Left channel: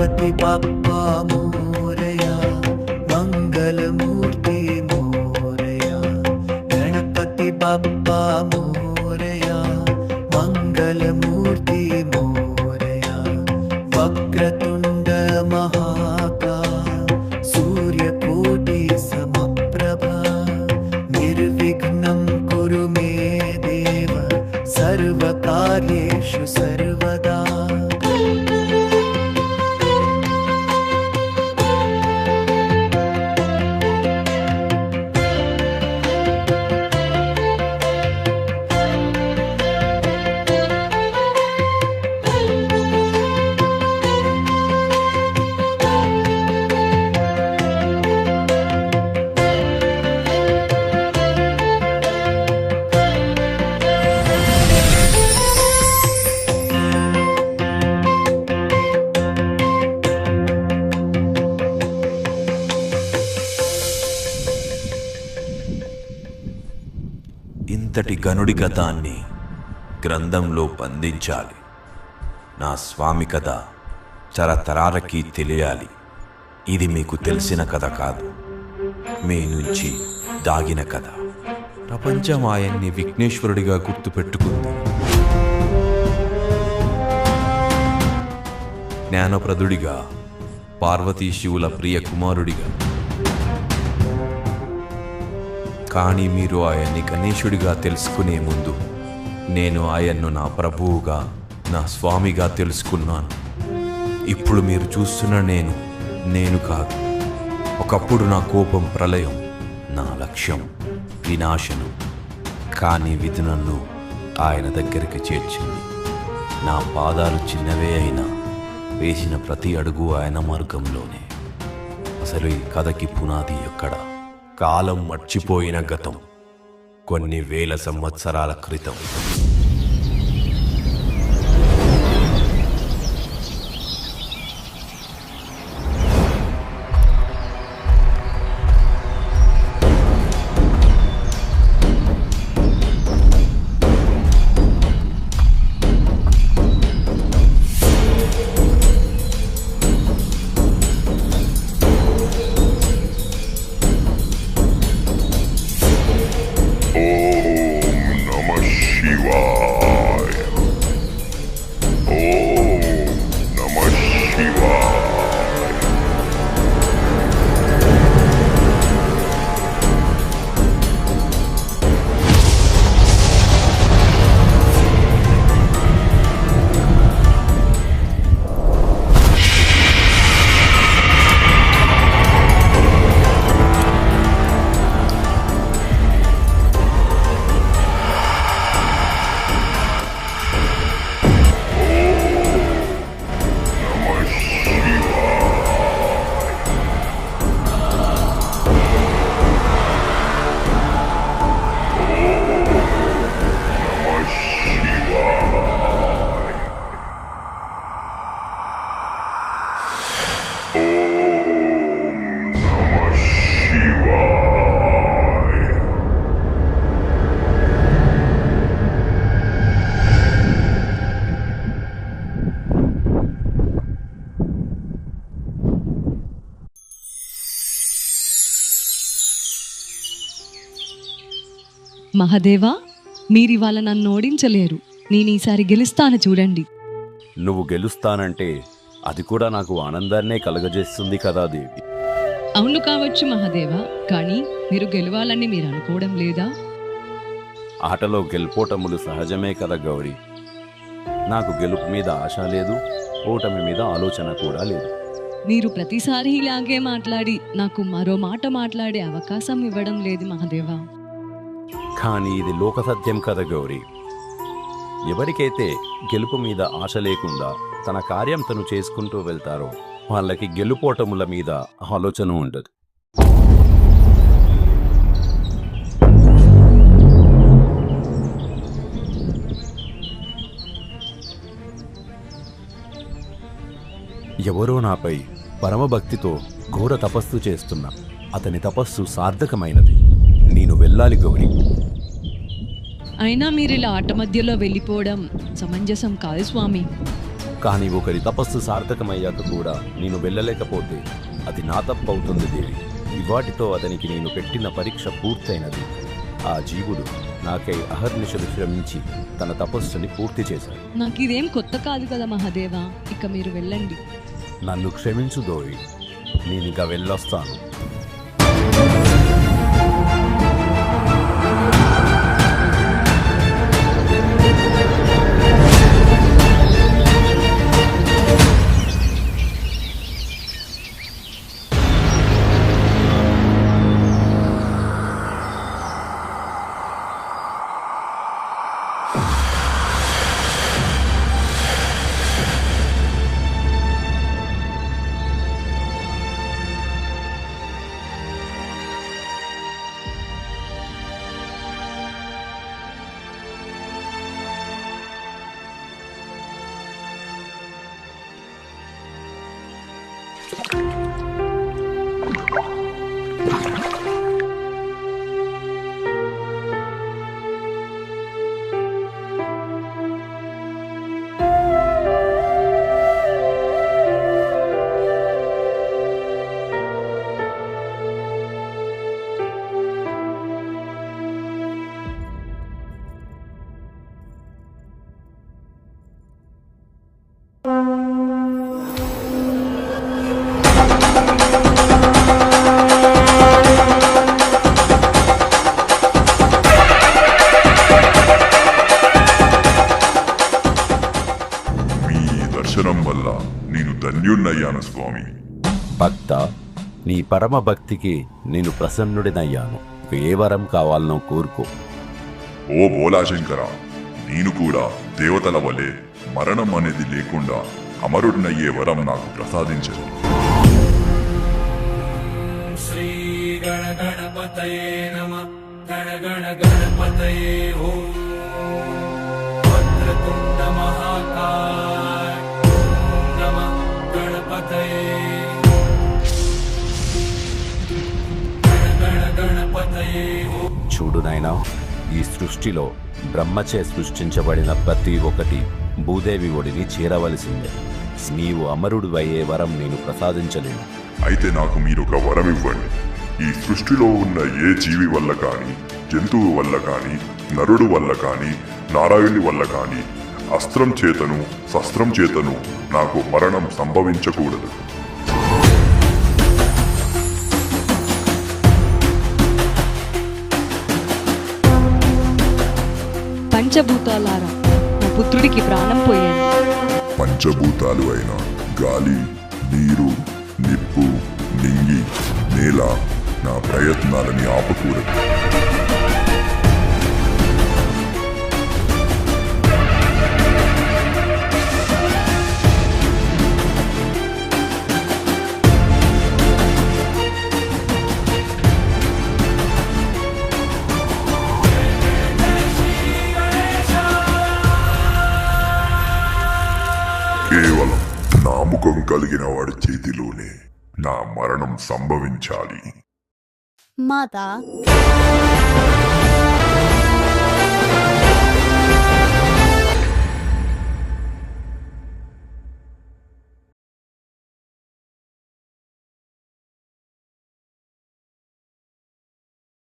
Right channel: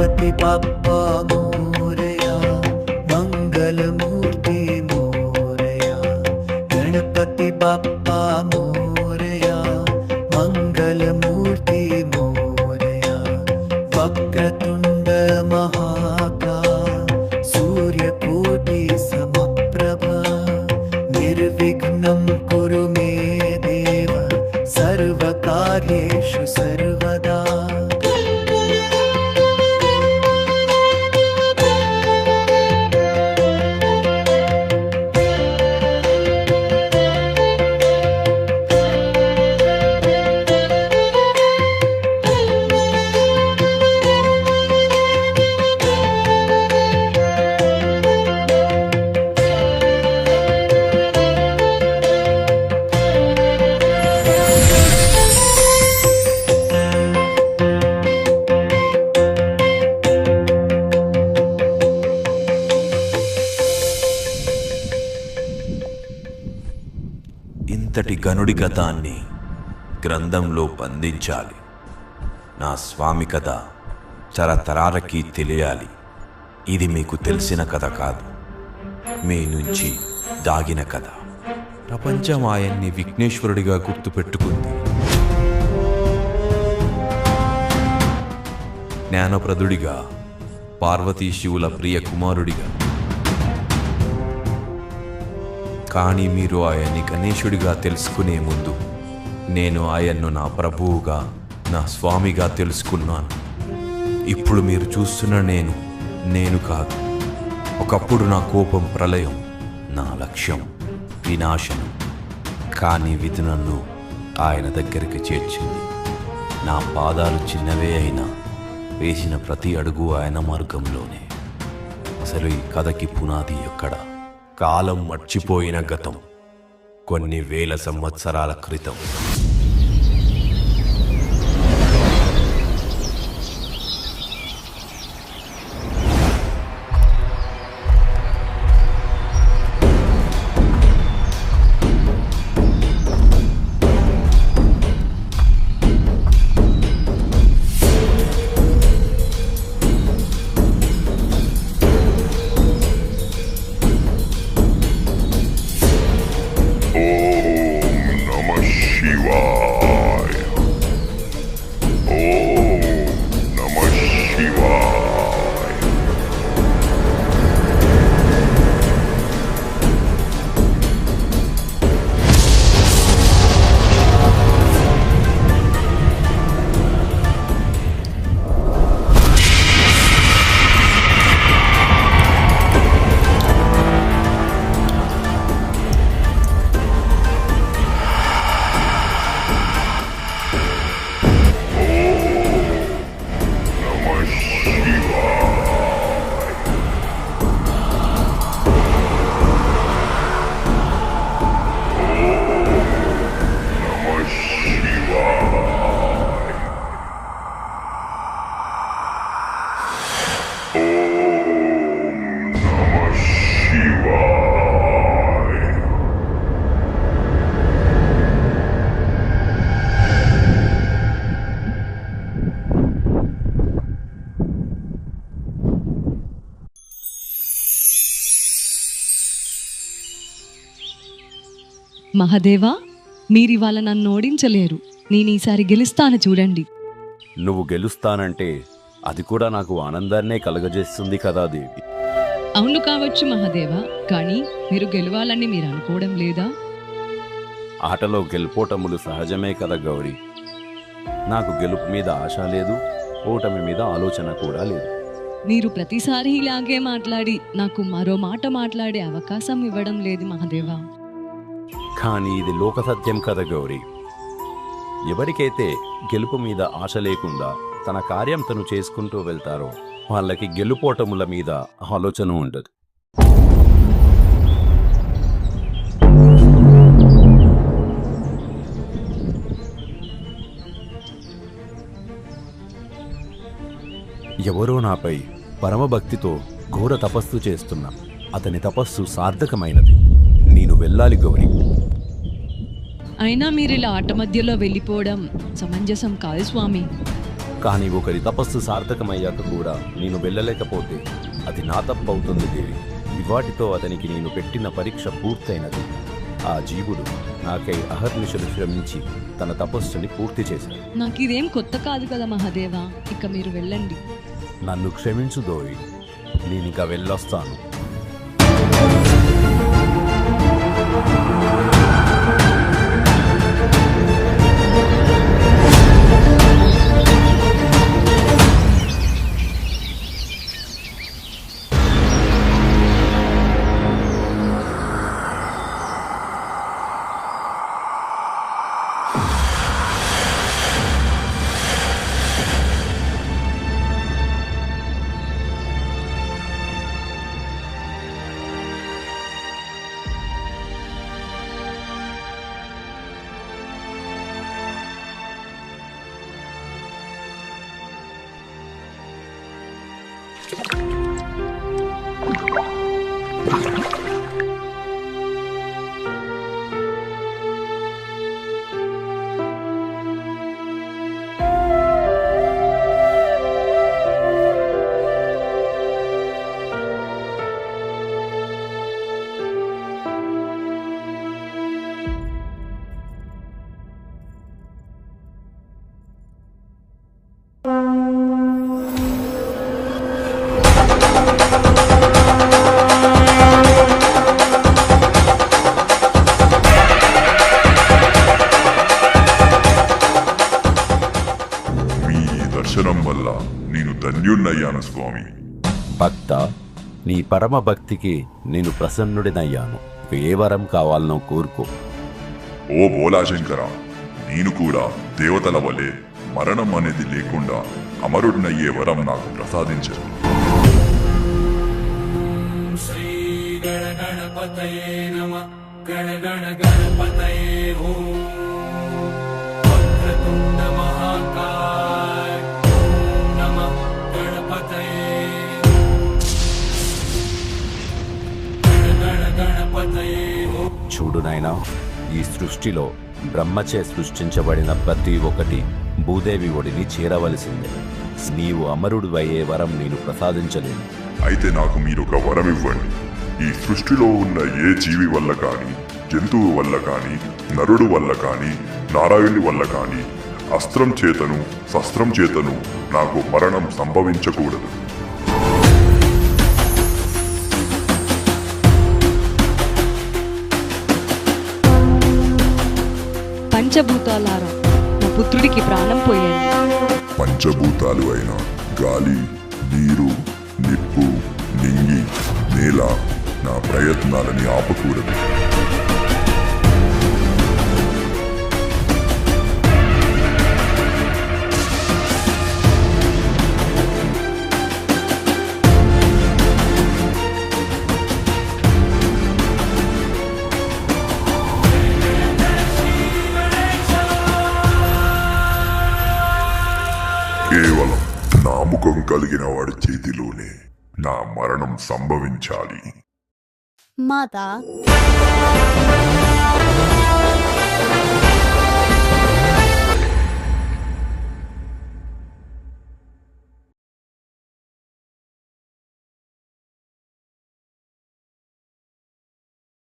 गणपति बाप्पा मोरया, मंगलमूर्ति मोरया। गणपति बाप्पा मोरया, मंगलमूर्ति मोरया। वक्रतुंड महाकाय, सूर्यकोटि समप्रभा। निर्विघ्नं कुरु मे देव, सर्वकार्येषु सर्वदा। ఇంతటి గనుడి గతాన్ని గ్రంథంలో బంధించాలి. నా స్వామి కథ తరతరాలకి తెలియాలి. ఇది మీకు తెలిసిన కథ కాదు, మీ నుంచి దాగిన కథ. ప్రపంచం ఆయన్ని విఘ్నేశ్వరుడిగా గుర్తుపెట్టుకుంది. జ్ఞానప్రదుడిగా, పార్వతీ శివుల ప్రియ కుమారుడిగా. కానీ మీరు ఆయన్ని గణేశుడిగా తెలుసుకునే ముందు నేను ఆయన్ను నా ప్రభువుగా, నా స్వామిగా తెలుసుకున్నాను. ఇప్పుడు మీరు చూస్తున్న నేను కాదు. ఒకప్పుడు నా కోపం ప్రళయం, నా లక్ష్యం వినాశనం. కానీ విధి నన్ను ఆయన దగ్గరికి చేర్చింది. నా పాదాలు చిన్నవే అయినా వేసిన ప్రతి అడుగు ఆయన మార్గంలోనే. అసలు ఈ కథకి పునాది ఎక్కడ? కాలం మర్చిపోయిన గతం, కొన్ని వేల సంవత్సరాల క్రితం. మహాదేవా, మీరివాళ నన్ను ఓడించలేరు. నేను ఈసారి గెలుస్తాను చూడండి. నువ్వు గెలుస్తానంటే అది కూడా నాకు ఆనందాన్నే కలగజేస్తుంది కదా దేవి. అవును కావచ్చు మహాదేవా, కానీ మీరు గెలవాలని మీరు అనుకోవడం లేదా? ఆటలో గెలుపోటములు సహజమే కదా గౌరీ. నాకు గెలుపు మీద ఆశ లేదు, ఓటమి మీద ఆలోచన కూడా లేదు. మీరు ప్రతిసారి ఇలాగే మాట్లాడి నాకు మరో మాట మాట్లాడే అవకాశం ఇవ్వడం లేదు మహాదేవా. కానీ ఇది లోక సత్యం కదా గౌరీ. ఎవరికైతే గెలుపు మీద ఆశ లేకుండా తన కార్యం తను చేసుకుంటూ వెళ్తారో వాళ్ళకి గెలుపోటముల మీద ఆలోచన ఉండదు. ఎవరో నాపై పరమభక్తితో ఘోర తపస్సు చేస్తున్నా. అతని తపస్సు సార్థకమైనది. నేను వెళ్ళాలి గౌరీ. అయినా మీరు ఇలా ఆట మధ్యలో వెళ్ళిపోవడం సమంజసం కాదు స్వామి. కానీ ఒకరి తపస్సు సార్థకమయ్యాక కూడా నేను వెళ్ళలేకపోతే అది నా తప్పు అవుతుంది దేవి. ఇవాటితో అతనికి నేను పెట్టిన పరీక్ష పూర్తయినది. ఆ జీవుడు నాకై అహర్నిశలు శ్రమించి తన తపస్సుని పూర్తి చేశాడు. నాకు ఇదేం కొత్త కాదు కదా మహాదేవా, ఇక మీరు వెళ్ళండి. నన్ను క్షమించు దోయి, నేనిక వెళ్ళొస్తాను. దర్శనం వల్ల నేను ధన్యుణ్ణయ్యాను స్వామి. భక్త, నీ పరమ భక్తికి నేను ప్రసన్నుడినయ్యాను. ఏ వరం కావాలనో కోరుకో. ఓ బోలాశంకర, నేను కూడా దేవతల వలె మరణం అనేది లేకుండా అమరుడినయ్యే వరం నాకు ప్రసాదించదు. శ్రీ గణ గణపతయే నమః. గణ గణ గణపతయే ఓం. వక్రతుండ మహాకాయ ఓం నమః గణపతయే. గణ గణ గణపతయే ఓం. చూడు నాయనా, ఈ సృష్టిలో బ్రహ్మచే సృష్టించబడిన ప్రతి ఒక్కటి భూదేవి ఒడిని చేరవలసిందే. నీవు అమరుడివయ్యే వరం నేను ప్రసాదించలేను. అయితే నాకు మీరు ఒక వరం ఇవ్వండి. ఈ సృష్టిలో ఉన్న ఏ జీవి వల్ల కానీ, జంతువు వల్ల కానీ, నరుడు వల్ల కానీ, నారాయణుడి వల్ల కానీ అస్త్రం చేతను శస్త్రం చేతను నాకు మరణం సంభవించకూడదు. పంచభూతాలారా, నా పుత్రుడికి ప్రాణం పోయాను. పంచభూతాలు అయిన గాలి, నీరు, నిప్పు, నింగి, నేల నా ప్రయత్నాలని ఆపకూడదు. కేవలం నామకం కలిగిన వాడి చేతిలోనే నా మరణం సంభవించాలి. మాతా